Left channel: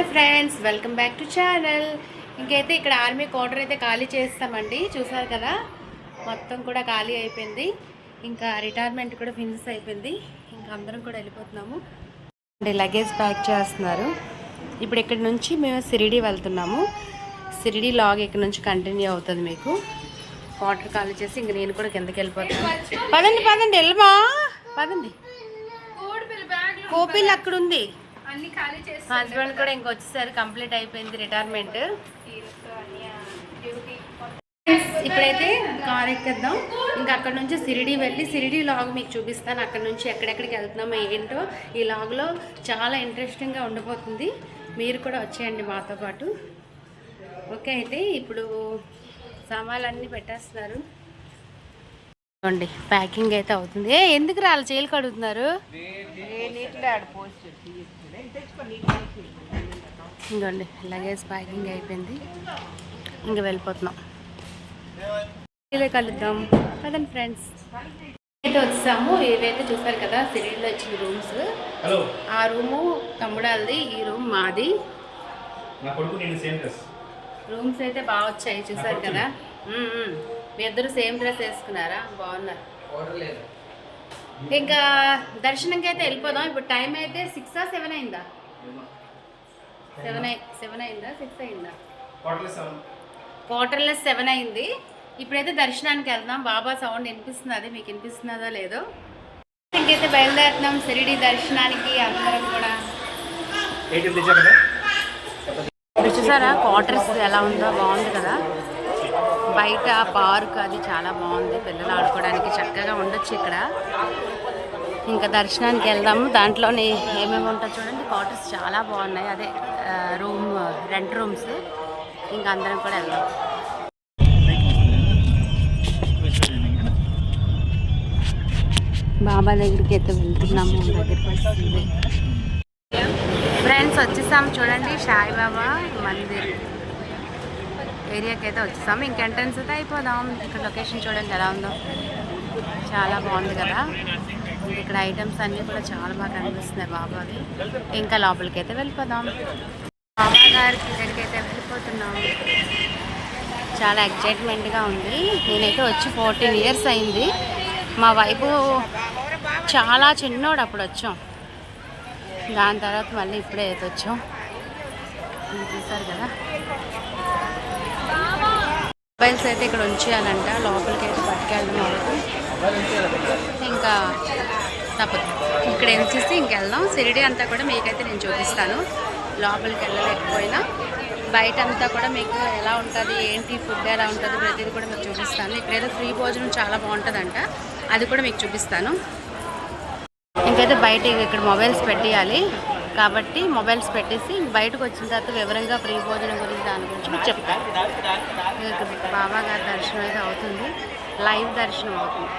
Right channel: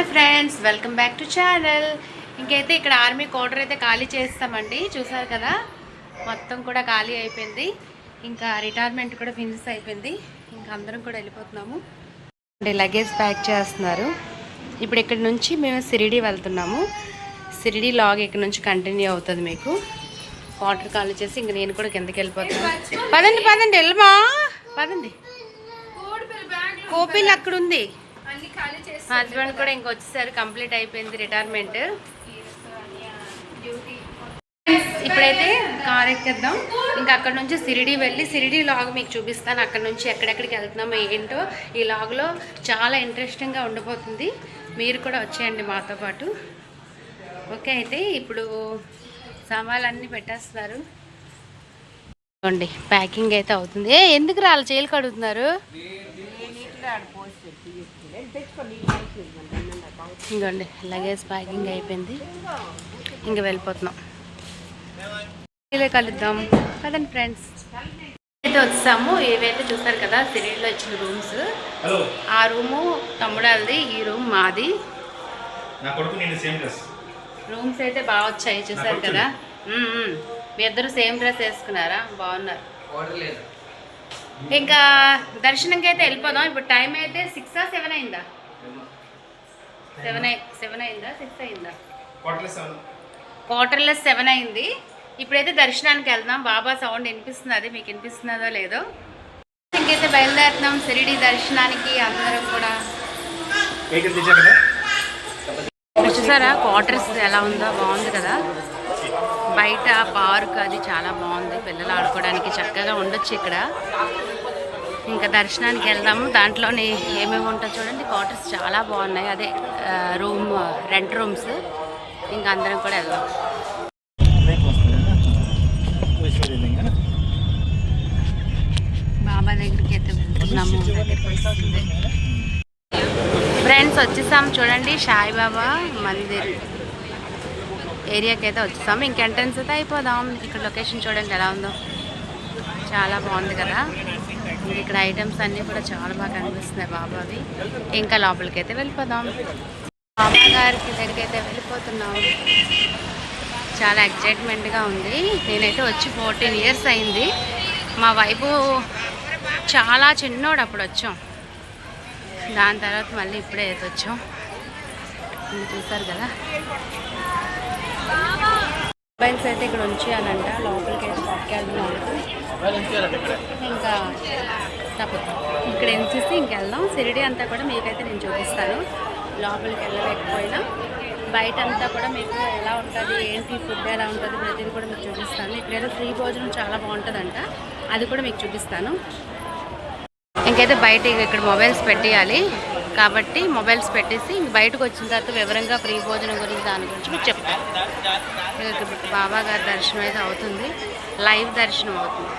Hi friends, welcome back to channel. ఇంకైతే ఇక్కడ army quarter అయితే ఖాళీ చేస్తామండి. చూసారు కదా, మొత్తం కూడా ఖాళీ అయిపోయింది. ఇంకా రిటైర్మెంట్ కూడా ఫినిష్ అయిపోయింది. ఇంకా అందరం కూడా వెళ్ళిపోతున్నాము. అంటే లగేజ్ ప్యాక్ చేస్తున్నారు. ఇప్పుడు ఇక్కడ నుంచి మేము సిరిడి వెళ్తున్నాము. సిరిడి లాగ్ ఇక్కడ నుంచి కంటిన్యూ అవుతుంది. మీకు క్వార్టర్ ఖాళీ చేసి ఇంక నేను కూడా కిందకి వెళ్ళిపోతాను. పదండి పదండి వెళ్ళమా, పదండి. కోపిల్ అక్కడ ఉంది. హస్బెండ్ కూడా ఇంకొచ్చేసారు, కంప్లీట్ అయిపోయింది రిటైర్మెంట్. ఇప్పుడైతే కార్ ఎక్కేద్దాం. ఇంకా అక్కడ నుంచి సిరిడి వెళ్ళి సిరిడి లాగ్ మీకు చూపిస్తాను. అక్కడ నుంచి ఎక్కడెక్కడికి వెళ్తున్నామో ఏంటో ఈ లాగ్లో చాలా ఇంట్రెస్టింగ్గా ఉండిపోతుంది. మీరు కూడా వచ్చేయండి మాతో పాటు. ఓకే, అయితే ఇప్పుడు సామాన్లన్నీ పెట్టేస్తున్నారు. చూడండి, ప్యాకింగ్ అయితే అవుతుంది. ఎందుకు రాళ్ళు చేయలు కడుగుతున్నారు? ఇంకోండి, లగేజ్ ప్యాకింగ్ అయిపోయింది. ఇంకా వెళ్ళిపోతున్నాం. ఇలా కలుద్దాం కదండి ఫ్రెండ్స్. అయితే వచ్చాము. ఏవైతే చూస్తారు కదా సిరిడిలో ఇచ్చిన రూమ్స్, ఆ రూము తమ్ముడాలది, ఈ రూమ్ మాది. రూమ్స్ అయితే బాగా వచ్చాయి, చూసారు కదా. మీ ఇద్దరు సేమ్ డ్రెస్ వేసుకున్నారా? బాగున్నారు. ఇంకా దర్శనంకి అయితే వెళ్ళిపోదాం. ఇప్పుడు టైం అయితే 6 7 అయిందా? 7 అయిందా 6 అయిందా? క్వార్టర్లెస్ 7 అయింది. ఇప్పుడైతే దర్శనానికి వెళ్దాం. బాబా సౌండ్ వినిపిస్తుంది, అది మీకు వినిపిస్తున్నదో లేదో. ఇంకైతే బయలుదేరుతున్నాం సిరిడి దర్శనానికి అందరం కూడా. చూసారా క్వార్టర్స్ ఎలా ఉందో? బాగుంది కదా. బయట పార్క్ అది చాలా బాగుంది, పిల్లలు ఆడుకోవడానికి చక్కగా ఉండొచ్చు ఇక్కడ. ఇంకా దర్శనానికి వెళ్దాము. దాంట్లోనే ఏమేమి ఉంటాయి చూడండి. క్వార్టర్స్ చాలా బాగున్నాయి, అదే రూమ్ రెంట్ రూమ్స్. ఇంకా అందరం కూడా వెళ్దాం. బాబా దగ్గరికి అయితే వెళ్తున్నాము. దగ్గరికి వస్తుంది ఫ్రెండ్స్. వచ్చేసాము చూడండి, సాయిబాబా మందిర్ ఏరియాకి అయితే వచ్చేసాము. ఇంక ఎంట్రన్స్ అయితే అయిపోదాం. ఇక్కడ లొకేషన్ చూడండి ఎలా ఉందో, చాలా బాగుంది కదా. ఇక్కడ ఐటమ్స్ అన్నీ కూడా చాలా బాగా కనిపిస్తున్నాయి బాబావి. ఇంకా లోపలికి అయితే వెళ్ళిపోదాం. బాబా గారికి దగ్గరికి అయితే వెళ్ళిపోతున్నాం. చాలా ఎగ్జైట్మెంట్గా ఉంది. నేనైతే వచ్చి 14 years అయింది. మా వైపు చాలా చిన్నోడు అప్పుడు వచ్చాం. దాని తర్వాత మళ్ళీ ఇప్పుడే అయితే వచ్చాం. చూసారు కదా. మొబైల్స్ అయితే ఇక్కడ ఉంచేయాలంట, లోపలికి అయితే పట్టుకెళ్తున్నాం. ఇంకా తప్పదు, ఇక్కడ ఎంచేసి ఇంకెళ్దాం. సిరిడి అంతా కూడా మీకైతే నేను చూపిస్తాను. లోపలికి వెళ్ళలేకపోయినా బయట అంతా కూడా మీకు ఎలా ఉంటుంది, ఏంటి ఫుడ్ ఎలా ఉంటుంది, ప్రతిదీ కూడా మీకు చూపిస్తాను. ఇక్కడైతే ఫ్రీ భోజనం చాలా బాగుంటుందంట, అది కూడా మీకు చూపిస్తాను. ఇంకైతే బయట ఇక్కడ మొబైల్స్ పెట్టేయాలి కాబట్టి మొబైల్స్ పెట్టేసి ఇంక బయటకు వచ్చిన తర్వాత వివరంగా ఫ్రీ భోజనం గురించి దాని గురించి మీకు చెప్తాను. బాబా గారి దర్శనం అయితే అవుతుంది, లైవ్ దర్శనం అవుతుంది.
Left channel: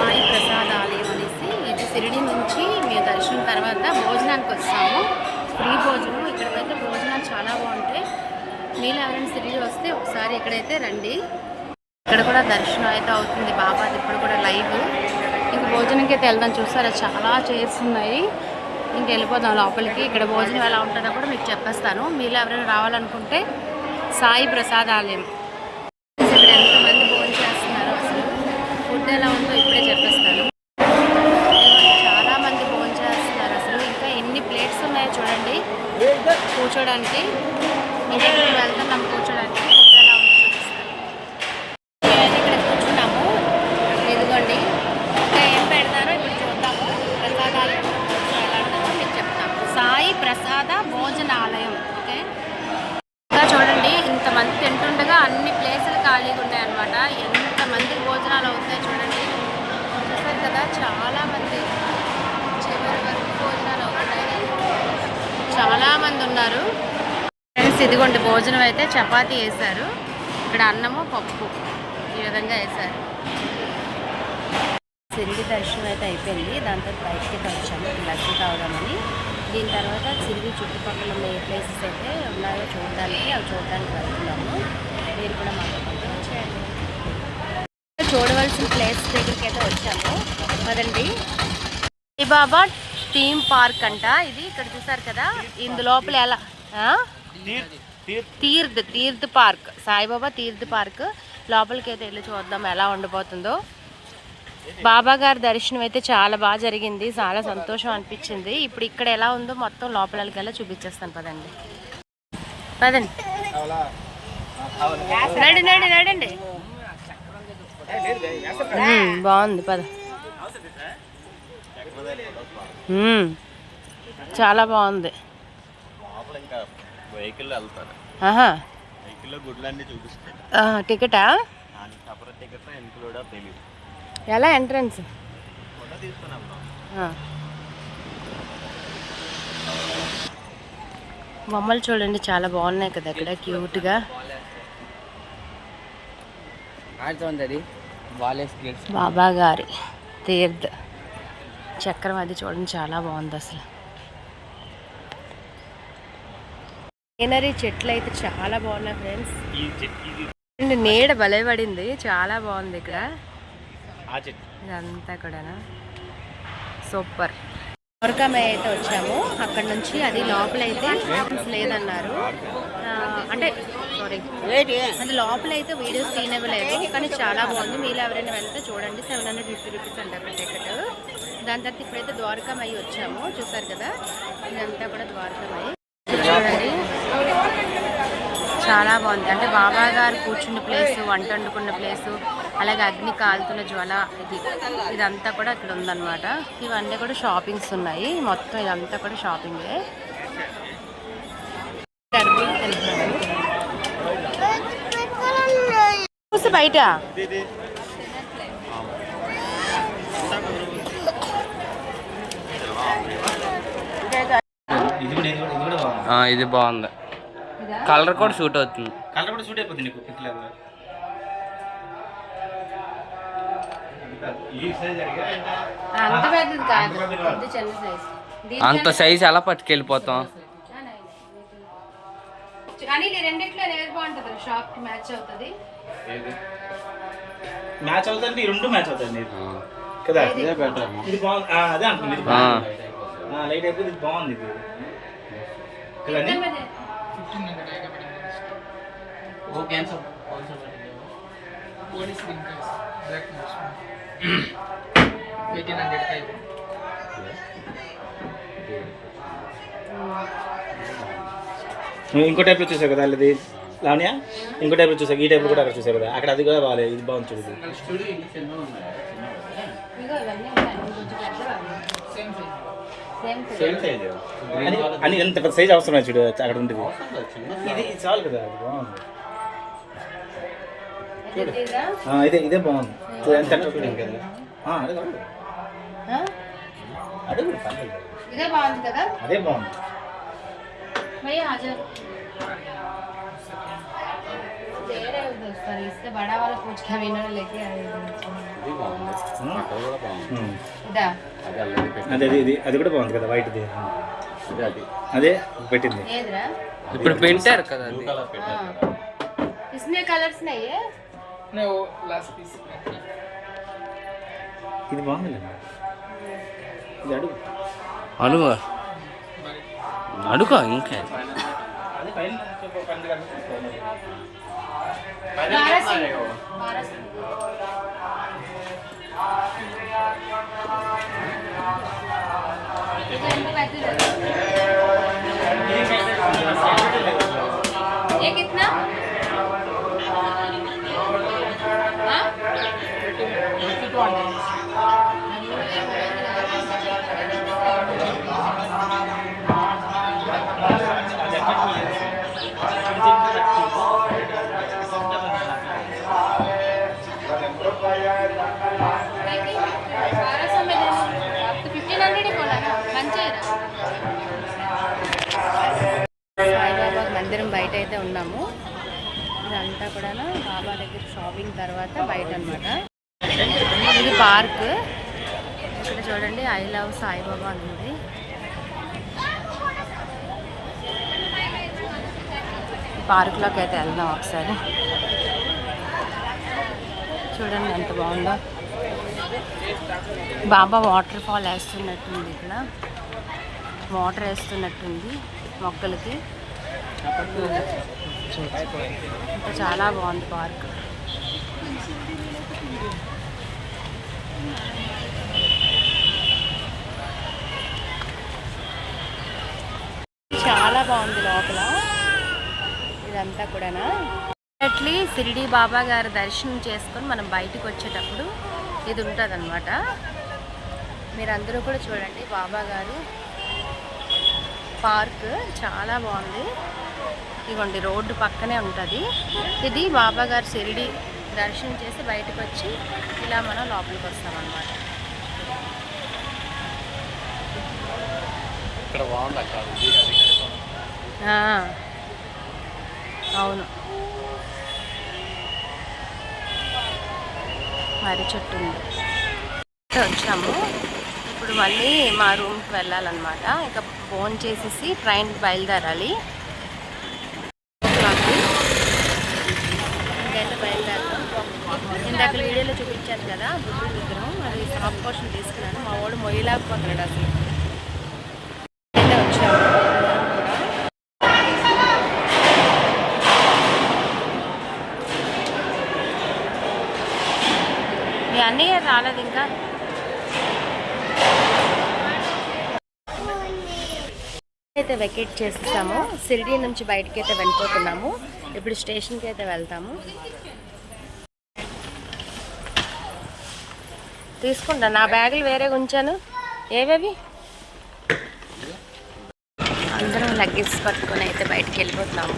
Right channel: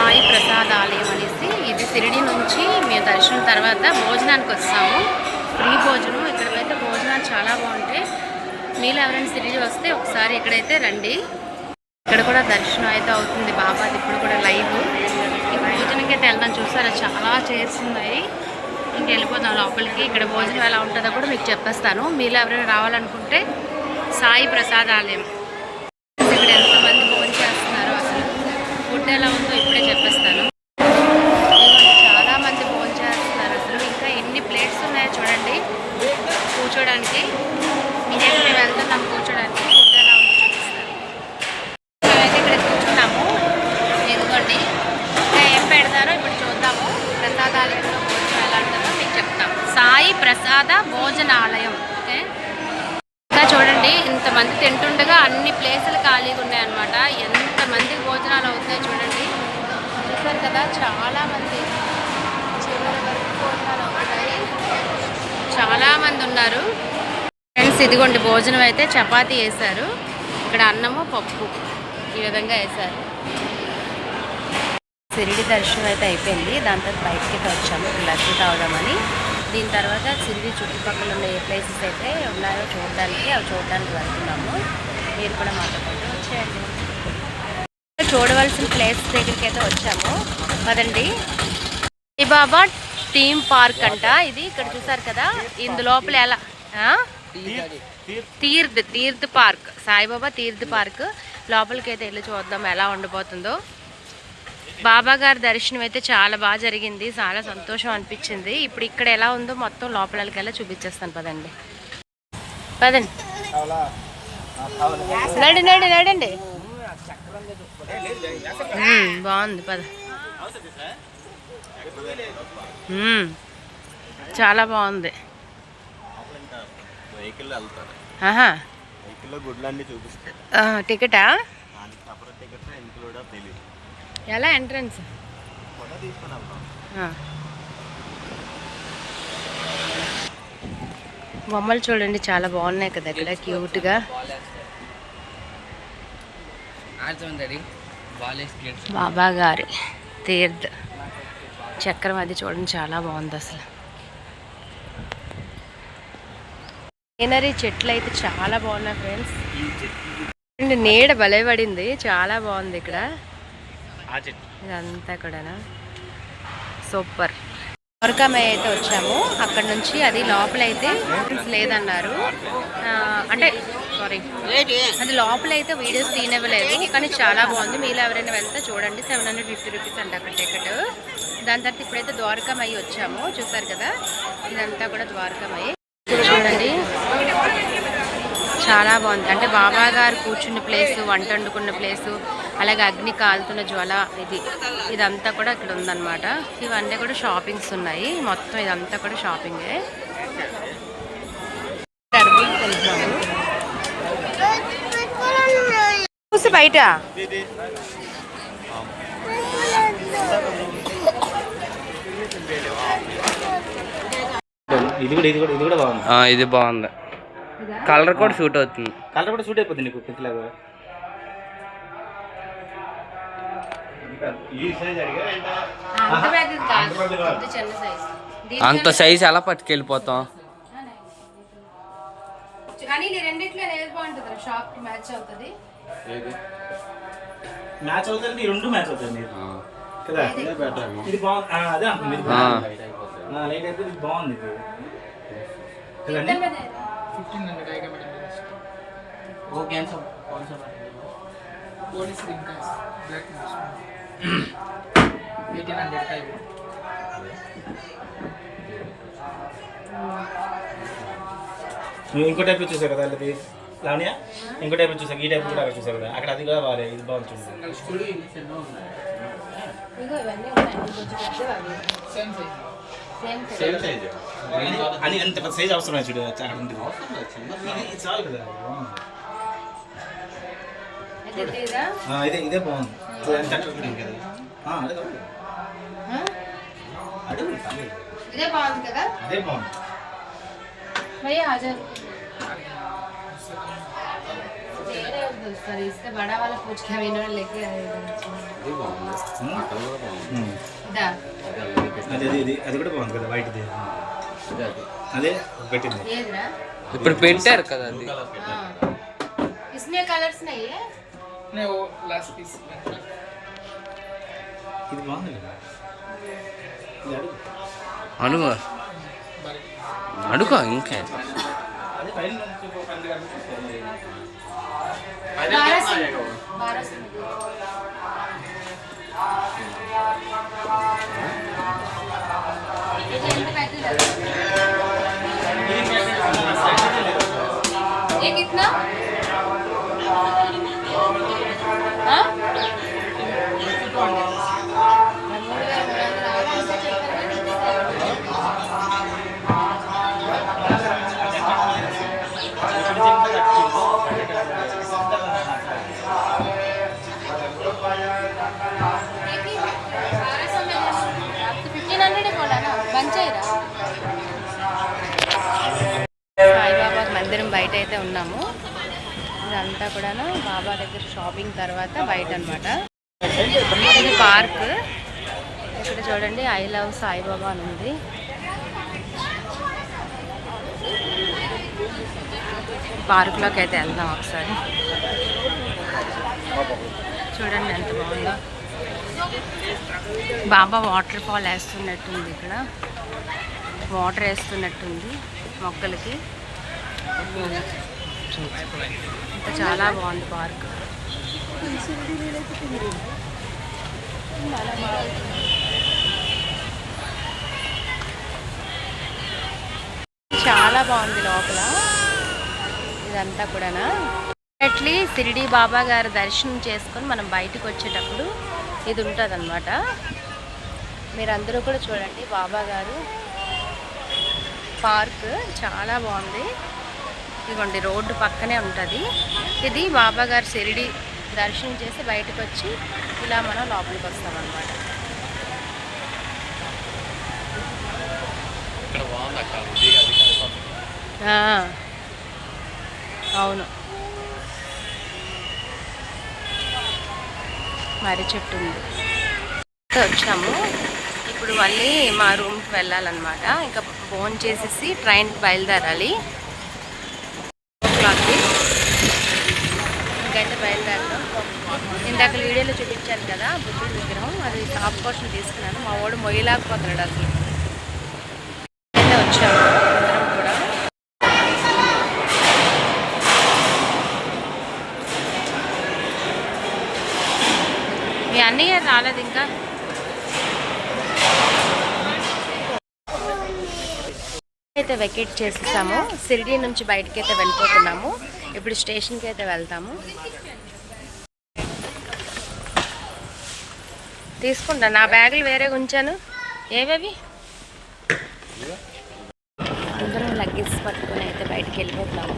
సాయి ప్రసాద్ ఆలయం అనేసి, ఇది సిరిడి నుంచి మేము దర్శనం తర్వాత భోజనానికి వస్తాము. ఫ్రీ భోజనం. ఇక్కడైతే భోజనాలు చాలా బాగుంటాయి. మీరు ఎవరైనా సిరిడి వస్తే ఒకసారి ఇక్కడైతే రండి. ఇక్కడ కూడా దర్శనం అయితే అవుతుంది బాబాది, ఇప్పుడు కూడా లైవ్. ఇంక భోజనంకి అయితే వెళ్దాం. చూసారా చాలా చైర్స్ ఉన్నాయి. ఇంక వెళ్ళిపోదాం లోపలికి. ఇక్కడ భోజనం ఎలా ఉంటుందో కూడా మీకు చెప్పేస్తాను. మీరు ఎవరైనా రావాలనుకుంటే సాయి ప్రసాద్ ఆలయం. ఇక్కడ ఎంతమంది భోజనం చేస్తున్నారో, అసలు ఫుడ్ ఎలా ఉందో ఇప్పుడే చెప్పేస్తాను. చాలా మంది భోజనం చేస్తున్నారు. అసలు ఇంకా ఎన్ని ప్లేట్స్ ఉన్నాయో చూడండి కూర్చోడానికి. మేము వెళ్తున్నాం కూర్చోడానికి. ఫుడ్ ఎలా ఉందో చూపిస్తాను. మేమైతే ఇక్కడ కూర్చున్నాము. ఎందుకండి ఇంకా ఏం పెడతారో ఇప్పుడు చూద్దాము. ప్రసాదాలయంలో భోజనం ఎలా ఉంటుందో మీకు చెప్తాం. సాయి ప్రసాద భోజనాలయం. ఓకే, ఇంకా చూడండి ఇంతమంది తింటుండగా అన్ని ప్లేసులు ఖాళీగా ఉన్నాయన్నమాట. ఎంతమంది భోజనాలు అవుతాయి చూడండి. చూసారు కదా, చాలామంది చివరి వరకు భోజనాలు అవుతాయి. చాలామంది ఉన్నారు ఫ్రెండ్స్. ఇదిగోండి భోజనం అయితే చపాతీ వేశారు. ఇక్కడ అన్నము పప్పు ఈ విధంగా వేశారు. సిరిడి దర్శనం అయితే అయిపోయింది. దాని తర్వాత బయటికి అయితే వచ్చాము ఇక్కడ లస్సీ తాగుదామని. దీని తర్వాత సిరిడి చుట్టుపక్కల ఉన్న ఏ ప్లేసెస్ అయితే ఉన్నాయో చూడడానికి, అవి చూడడానికి వెళ్తున్నాము. మీరు కూడా మాతో పాటు వచ్చేయండి. చూడవలసిన ప్లేస్ దగ్గరికి అయితే వచ్చాము. పదండి. బాబా థీమ్ పార్క్ అంట ఇది. ఇక్కడ చూసారు కదా, ఇందు లోపల ఎలా తీర్థ్ పార్క్, సాయిబాబా తీర్థ్ పార్క్. లోపలికి అయితే వెళ్ళి చూద్దాం ఎలా ఉండిపోతుందో. బాబా గారి దర్శనం అయితే చాలా బాగా జరిగింది, చాలా సంతోషం అనిపించింది. ఇప్పుడు ఇక్కడ ఎలా ఉందో మొత్తం లోపలికి వెళ్ళి చూపించేస్తాను. పదండి పదండి నడి నడి నడండి. బాగుంది పద. చాలా బాగుంది. టికెటా? ఎలా ఎంట్రన్స్? బొమ్మలు చూడండి చాలా బాగున్నాయి కదా ఇక్కడ, క్యూట్గా. బాబా గారి తీర్థ్ చక్రం అది చూడండి, చాలా బాగుంది అసలు. గ్రీనరీ చెట్లు అయితే చాలా బాగున్నాయి ఫ్రెండ్స్. నీడ భలే పడింది, చాలా బాగుంది ఇక్కడ ఇదంతా కూడా. సూపర్. ద్వారకామయ్య అయితే వచ్చాము. అక్కడ నుంచి అది లోపలైతే లేదన్నారు, అంటే సారీ అది లోపలైతే వీడియోస్ తీయనివ్వలేదు, కానీ చాలా బాగుంది. మీరు ఎవరైనా వెళ్తే చూడండి. 750 రూపీస్ అంట అక్కడ టికెట్. దాని తర్వాత ఇప్పుడైతే ద్వారకామయ్య వచ్చాము. చూసారు కదా, ఇదంతా కూడా ద్వారకామయ్య. చూడండి చాలా బాగుంది. అంటే బాబా గారు కూర్చున్న ప్లేసు, వంట వండుకున్న ప్లేసు, అలాగే అగ్ని కాలుతున్న జ్వాల, ఇదంతా కూడా ఇక్కడ ఉందన్నమాట. ఇవన్నీ కూడా షాపింగ్స్ ఉన్నాయి. మొత్తం ఇదంతా కూడా షాపింగే. చూసి బయట ఇది బాగుంది. కలర్ కూడా షూట్ అవుతుంది. కలర్ కూడా షూట్ అయిపోతుంది నీకు పింక్ లేదు. అంత సైజ్ ఎలా పట్టుకెళ్ళిపోతాం? మ్యాచ్ అవుతుంది, రెండు మ్యాచ్ అవుతుంది కదా. ఇది బాగుంది, అదే అంటుంది. లైట్ అయితే ఇది బాగుంది కదండి. నువ్వు ఇంకో టైప్ చూసావు కదా అది లావణ్య, ఇంకో టైప్ చూసావు. ఈ టైప్ కూడా అక్కడ చూసావు కదా, అక్కడ అది కూడా బాగాలేదు. ఇది బాగుంది చూసి. అని ఎంత పెద్ద సైజ్ అవసరం చూడు, అక్కడ ఉంటుంది. ఇది చాలు కదా, బాగుంది. ఇదే బాగుంది. ఎంత అదే బాగుంది. बड़ा वाला पूछ के लेके आए అది కూడా బాగుంది కదా, వైట్ అదే పెట్టింది. ఇప్పుడు పెట్టారు కదా అది. इसमें कलर्स नहीं है? नहीं, वो लास्ट पीस ఇది బాగుంది కదా. ఇది అడుగు అడుగు ఇంకా అదే పైన ये कितना? సాయిబాబా మందిరం బయట అయితే ఉన్నాము. ఇదంతా కూడా బాబా దగ్గర షాపింగ్ తర్వాత బయట అన్నమాట. ఇది పార్క్. ఇక్కడ చూడండి ఐ లవ్ సాయిబాబా అని ఉంది. పార్క్లోకి అయితే వెళ్దాం ఒకసారి. చూడండి ఎంత బాగుందో. బాబా వాటర్ ఫాల్ వేస్తున్నట్టుంది ఇక్కడ. వాటర్ వేస్తున్నట్టుంది మొక్కలకి. ఇంకా చాలా బాగుంది పార్క్. చాలా బాగుంది లోపల ఇదంతా కూడానా. అట్లీ షిరిడి బాబా గారి దర్శనం చేసుకొని మనం బయటకు వచ్చేటప్పుడు ఇది ఉంటుంది అన్నమాట. మీరందరూ కూడా చూడండి, బాబా గారు పార్క్ చాలా బాగుంది. ఇదిగోండి రోడ్డు పక్కనే ఉంటుంది. ఇది బాబా గారు షిరిడి దర్శనం చేసి బయటకు వచ్చి ఇలా మనం లోపలికి వస్తామన్నమాట. అవును, మర్రి చెట్టు ఉంది. వచ్చాము, ఇప్పుడు మళ్ళీ మా రూమ్కి వెళ్ళాలన్నమాట. ఇంకా ఫోన్ చేసేసి ట్రైన్కి బయలుదేరాలి. ఇంకైతే బయలుదేరుతాం. ఇందాక వీడియోలో చూపించాను కదా బుద్ధుడి విగ్రహం, అది టాప్ పోర్షన్ తీసుకున్నాను. మా వాడు మొయ్యలేకపోతున్నాడు అసలు. అయితే వచ్చాము అందరం కూడా. మీ అన్నయ్య రాలేదు ఇంకా. అయితే వెకేట్ చేసేసాము. షిరిడి నుంచి బయటకి అయితే వెళ్ళిపోతున్నాము. ఇప్పుడు స్టేషన్కి అయితే వెళ్తాము. తీసుకుంటా, నా బ్యాగులు వేరే ఉంచాను. ఏవేవి అందరం లగేజ్ పట్టుకొని అయితే బయటకు వెళ్ళిపోతున్నాము.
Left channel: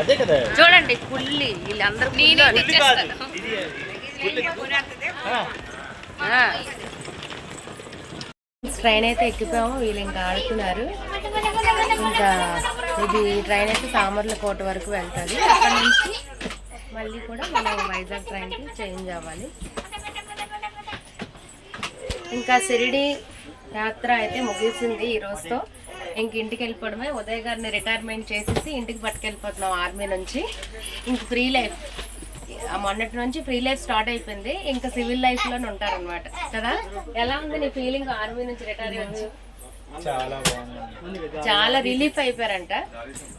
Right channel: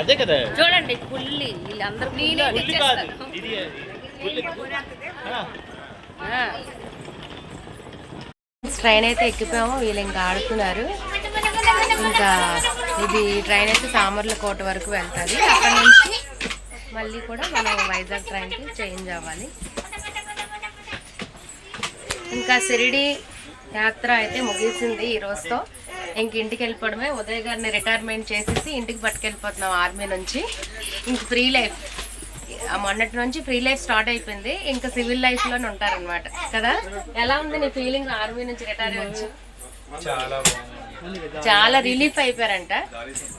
అదే కదా చూడండి పుల్లి వీళ్ళందరూ ట్రైన్ అయితే ఎక్కిపోయాము. వీళ్ళు ఇంకా ఆడుతున్నారు. ఇంకా ఇది ట్రైన్ అయితే సామర్లకోట వరకు వెళ్తుంది. అక్కడ నుంచి మళ్ళీ కూడా మనం వైజాగ్ ట్రైన్కి చేంజ్ అవ్వాలి. ఇంకా షిరిడి యాత్ర అయితే ముగిసింది ఈ రోజుతో. ఇంక ఇంటికి వెళ్ళిపోవడమే. ఉదయ్ గారిని రిటైర్మెంట్ చేసేసి ఇంటికి పట్టుకెళ్ళిపోతున్నాం ఆర్మీ నుంచి. ఇంక ఫ్రీ లైఫ్, మొన్నటి నుంచి ఫ్రీ లైఫ్ స్టార్ట్ అయిపోయింది. ఇంకా సివిల్ లైఫ్లోనే ఉంటారనమాట కదా. ఎలా ఉంది నీ ఫీలింగ్ ఆర్మీ నుంచి రిటైర్ అయ్యి? చాలా రిలీఫ్ అయిపోయారంట.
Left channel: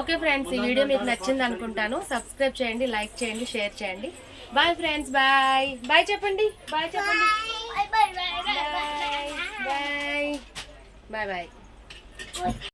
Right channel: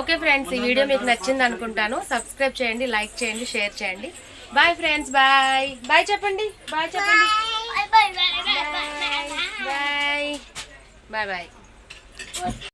ఓకే ఫ్రెండ్స్, ఈ వీడియో మీకు నచ్చింది అనుకుంటాను. సబ్స్క్రైబ్ చేయండి, లైక్ చేయండి, షేర్ చేయండి. బాయ్ ఫ్రెండ్స్, బాయ్ బాయ్ చెప్పండి. బాయ్ చెప్పండి. Bye bye bye bye.